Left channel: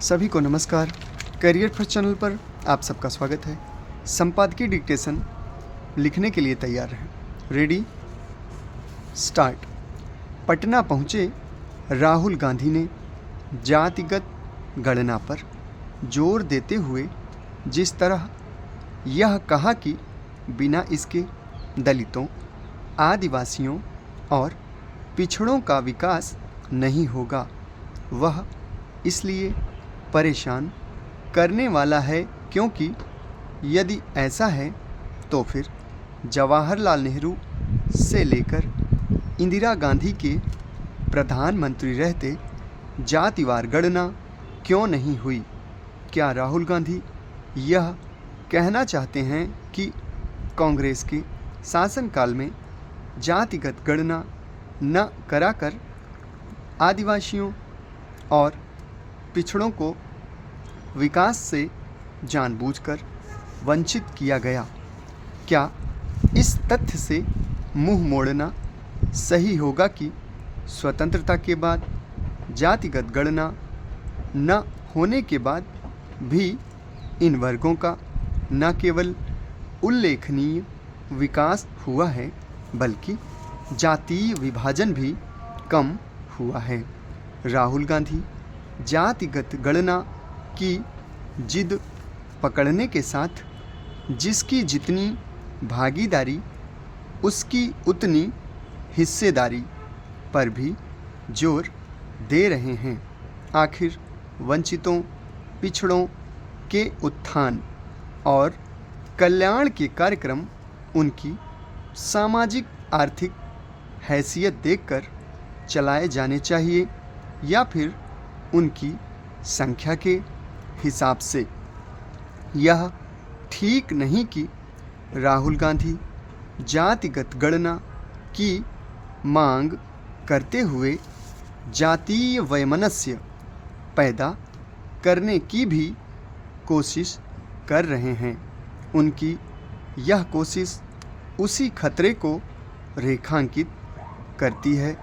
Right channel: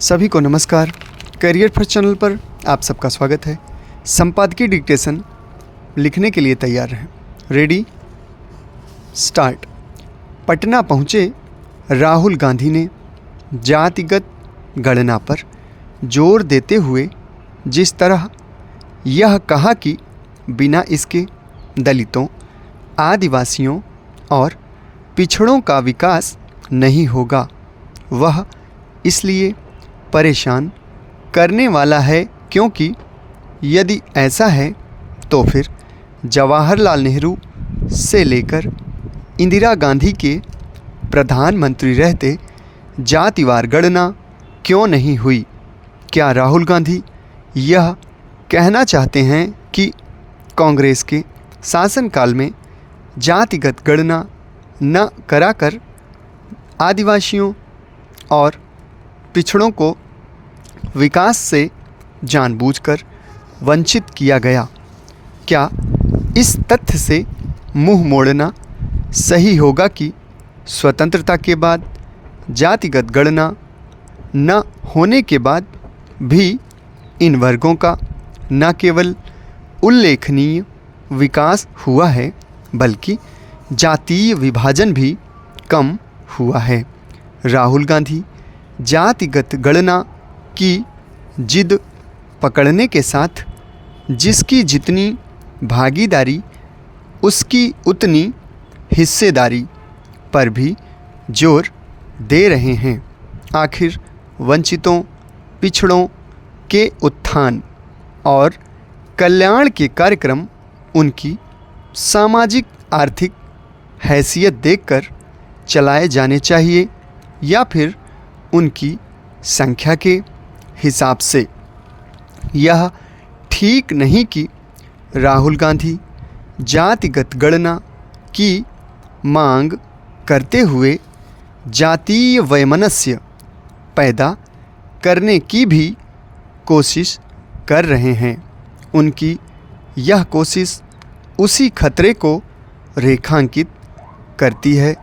सभी को नमस्कार। करियर फर्स्ट चैनल पर आप सबका स्वागत है। संपादकीय डिक्टेशन लिखने के लिए तैयार हैं। Ready start. पटना पहुँचे राहुल गांधी ने जातिगत गणना पर जोर देते हुए जिस तरह यह कहा कि बिना इसके दलितों, आदिवासियों और पिछड़ों का विकास नहीं होगा, वह इसलिए परेशान करने वाला है क्योंकि यदि ऐसा है तो फिर जवाहरलाल नेहरू से लेकर इंदिरा गांधी के प्रधानमंत्री रहते जातिवार गणना क्यों नहीं हुई? क्या राहुल गांधी यह कहना चाहते हैं कि कांग्रेस के शासनकाल में जातिगत गणना न कराकर आदिवासियों और पिछड़ों को विकास से जानबूझकर वंचित किया गया? क्या इस तथ्य से मुंह मोड़ना सही होगा कि स्वतंत्रता के बाद जातिगत गणना न होने के बाद भी इन वर्गों का न केवल उल्लेखनीय विकास हुआ है बल्कि जातीय विभाजन भी कम हुआ है? राहुल गांधी जातिगत गणना की जिद पकड़ने के साथ जिसकी जितनी भागीदारी उसकी उतनी हिस्सेदारी पर भी जोर दे रहे हैं। आखिर वंचितों, पिछड़ों के उत्थान और कल्याण के कार्यक्रम उनकी सामाजिक आर्थिक हैसियत देखकर चलाए जाने चाहिए या फिर उनकी संख्या के हिसाब से? यह ठीक नहीं कि राहुल गांधी जातिगत गणना की मांग करते हुए जातीय वैमनस्य पैदा करने की भी कोशिश कर रहे हैं। उनकी यह कोशिश उसी खतरे को रेखांकित करती है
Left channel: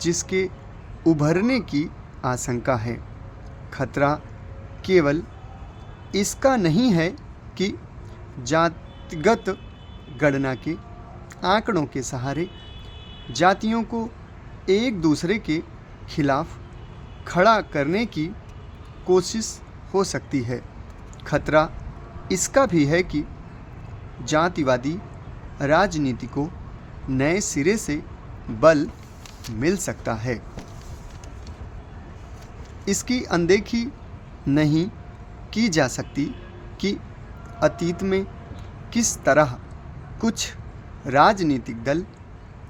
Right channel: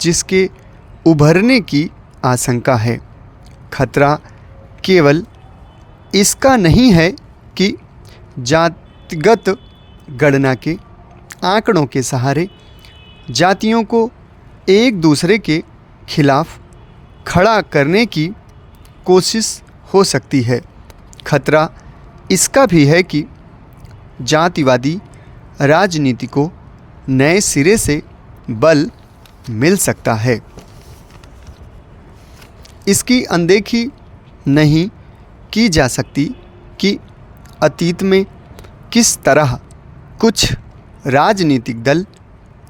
जिसके उभरने की आशंका है। खतरा केवल इसका नहीं है कि जातिगत गणना के आंकड़ों के सहारे जातियों को एक दूसरे के खिलाफ खड़ा करने की कोशिश हो सकती है। खतरा इसका भी है कि जातिवादी राजनीति को नए सिरे से बल मिल सकता है। इसकी अनदेखी नहीं की जा सकती कि अतीत में किस तरह कुछ राजनीतिक दल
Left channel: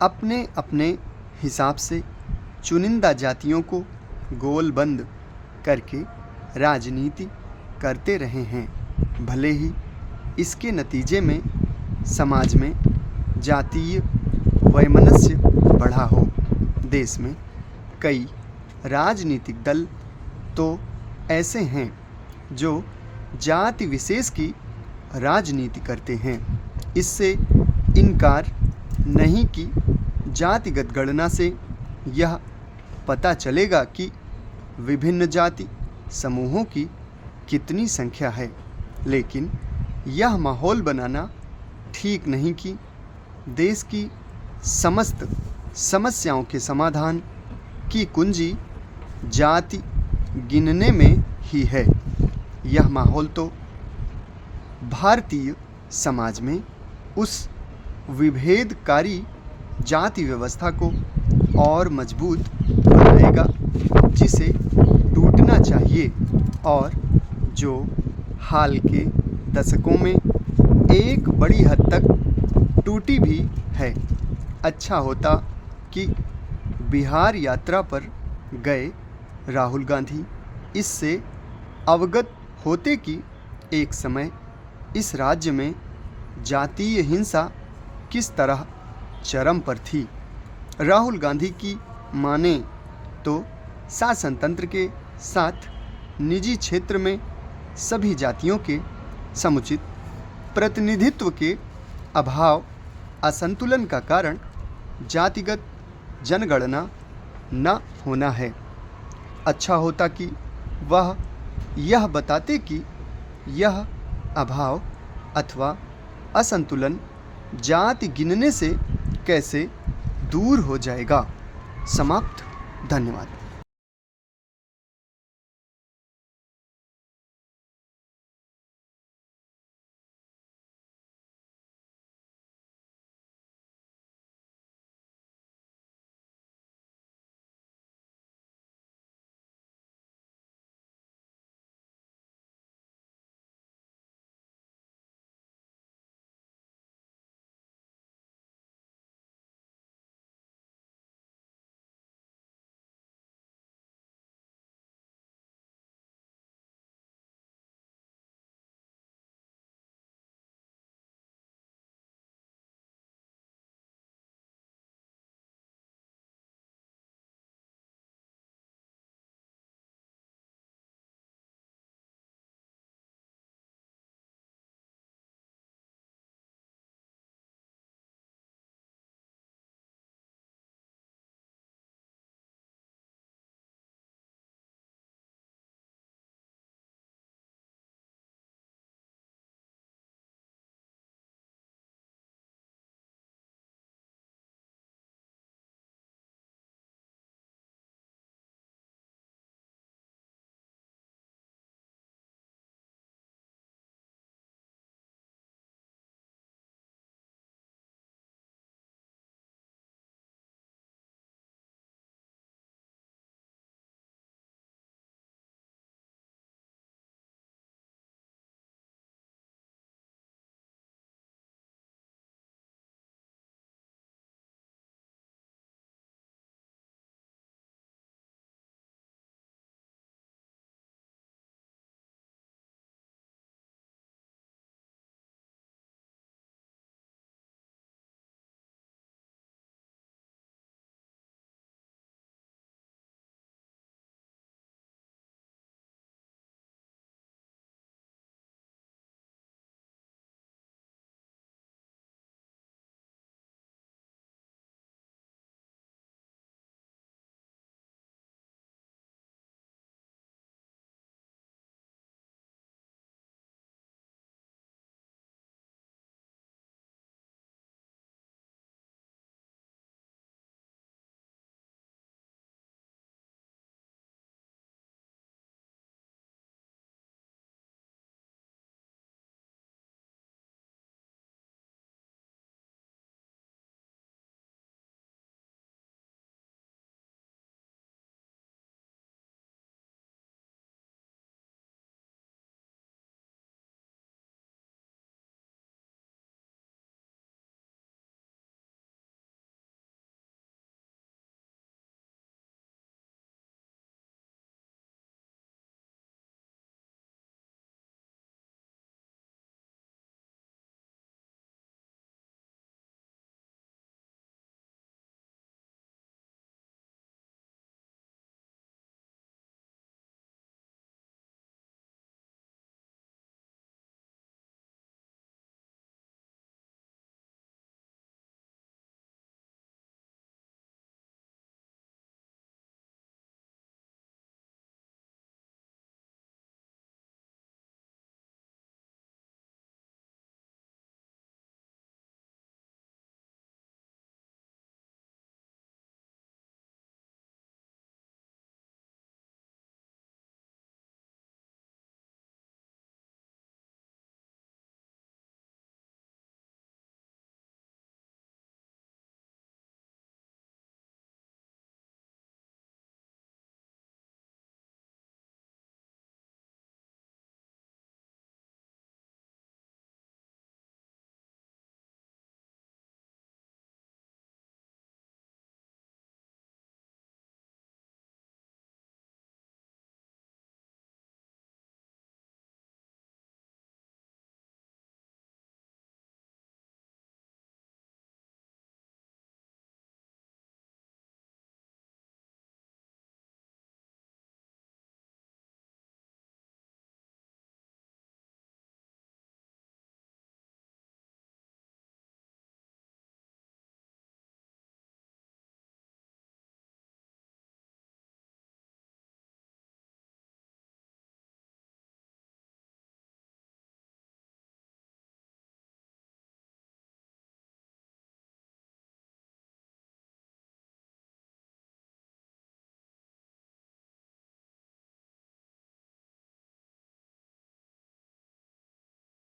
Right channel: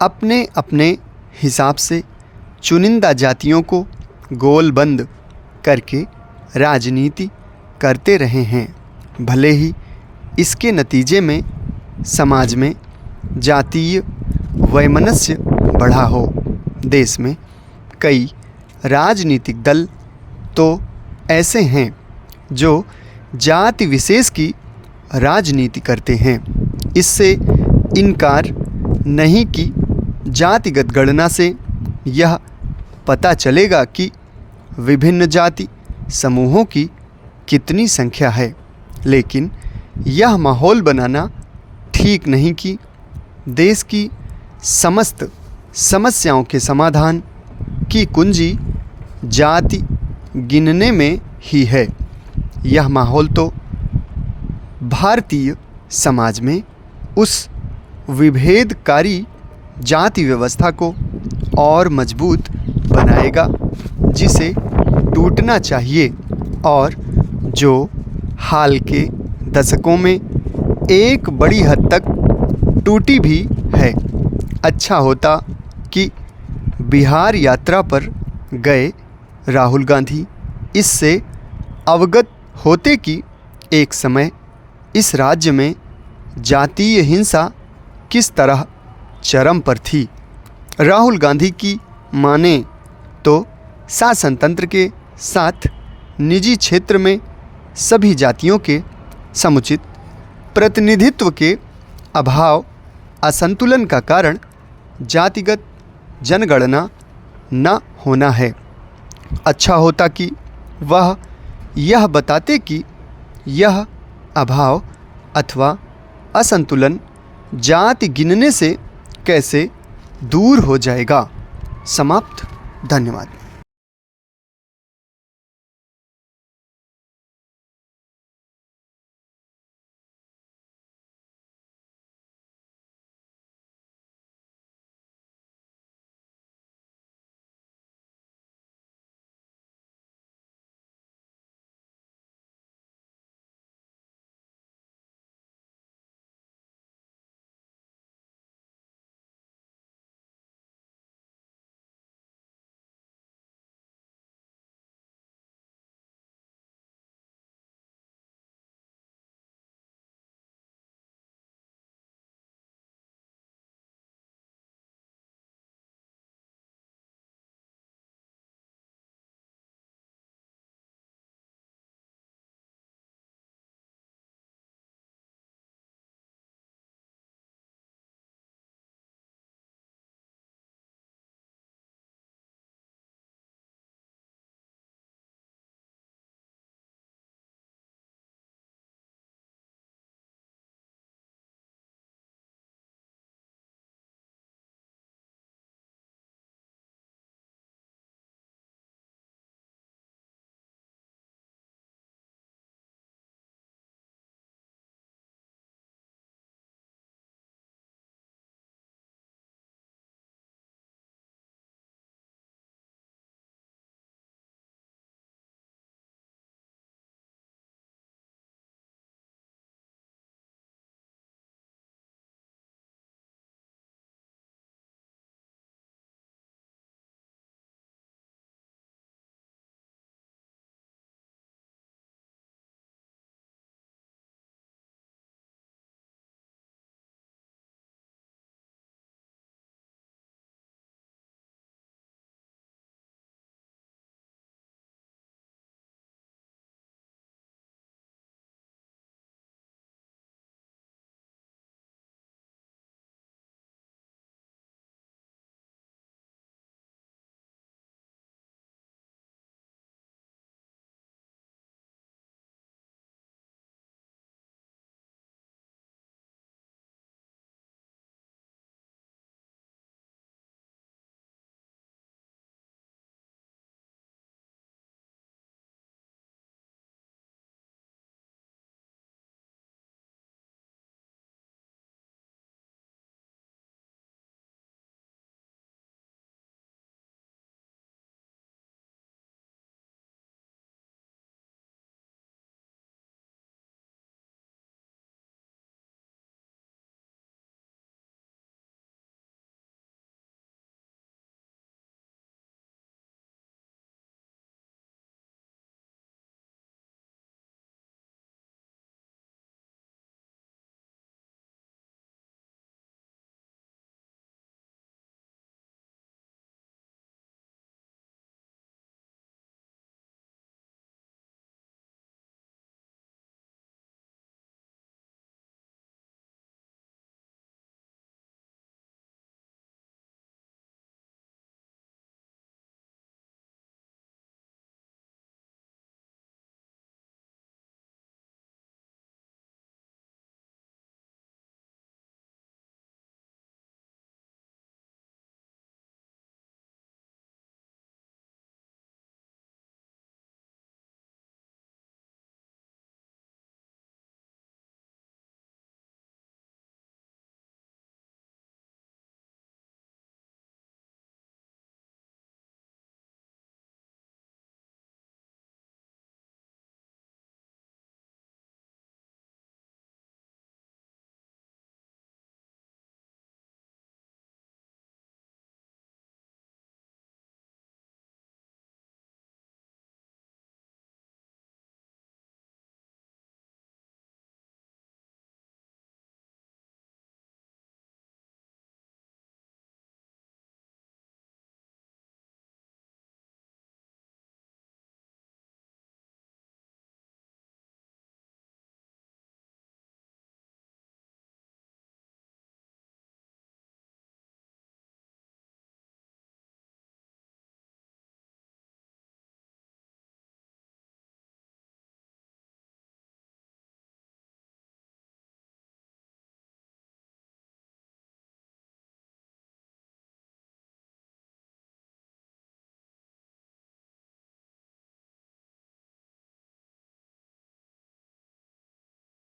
अपने अपने हिसाब से चुनिंदा जातियों को गोलबंद करके राजनीति करते रहे हैं। भले ही इसके नतीजे में समाज में जातीय वैमनस्य बढ़ा हो। देश में कई राजनीतिक दल तो ऐसे हैं जो जाति विशेष की राजनीति करते हैं। इससे इनकार नहीं कि जातिगत गणना से यह पता चलेगा कि विभिन्न जाति समूहों की कितनी संख्या है, लेकिन यह माहौल बनाना ठीक नहीं कि देश की समस्त समस्याओं के समाधान की कुंजी जाति गिनने में ही है। यह माहौल तो भारतीय समाज में उस विभेदकारी जाति व्यवस्था को और मजबूत बनाएगा जिसे टूटना चाहिए और जो हाल के दशकों में एक बड़ी हद तक टूटी भी है। अच्छा होता कि बिहार यात्रा पर गए राहुल गांधी इससे अवगत होते कि एक समय इस राज्य में जातीय हिंसा किस तरह चरम पर थी। राहुल गांधी की माने तो शासन तंत्र के साथ निजी क्षेत्र में सभी जातियों के समुचित प्रतिनिधित्व के अभाव असंतुलन का कारण जातिगत जनगणना न होना है। अच्छा होता कि वह यह बताते कि यह अभाव अथवा असंतुलन जाति गिनने से कैसे दूर हो जाएगा। समाप्त। धन्यवाद।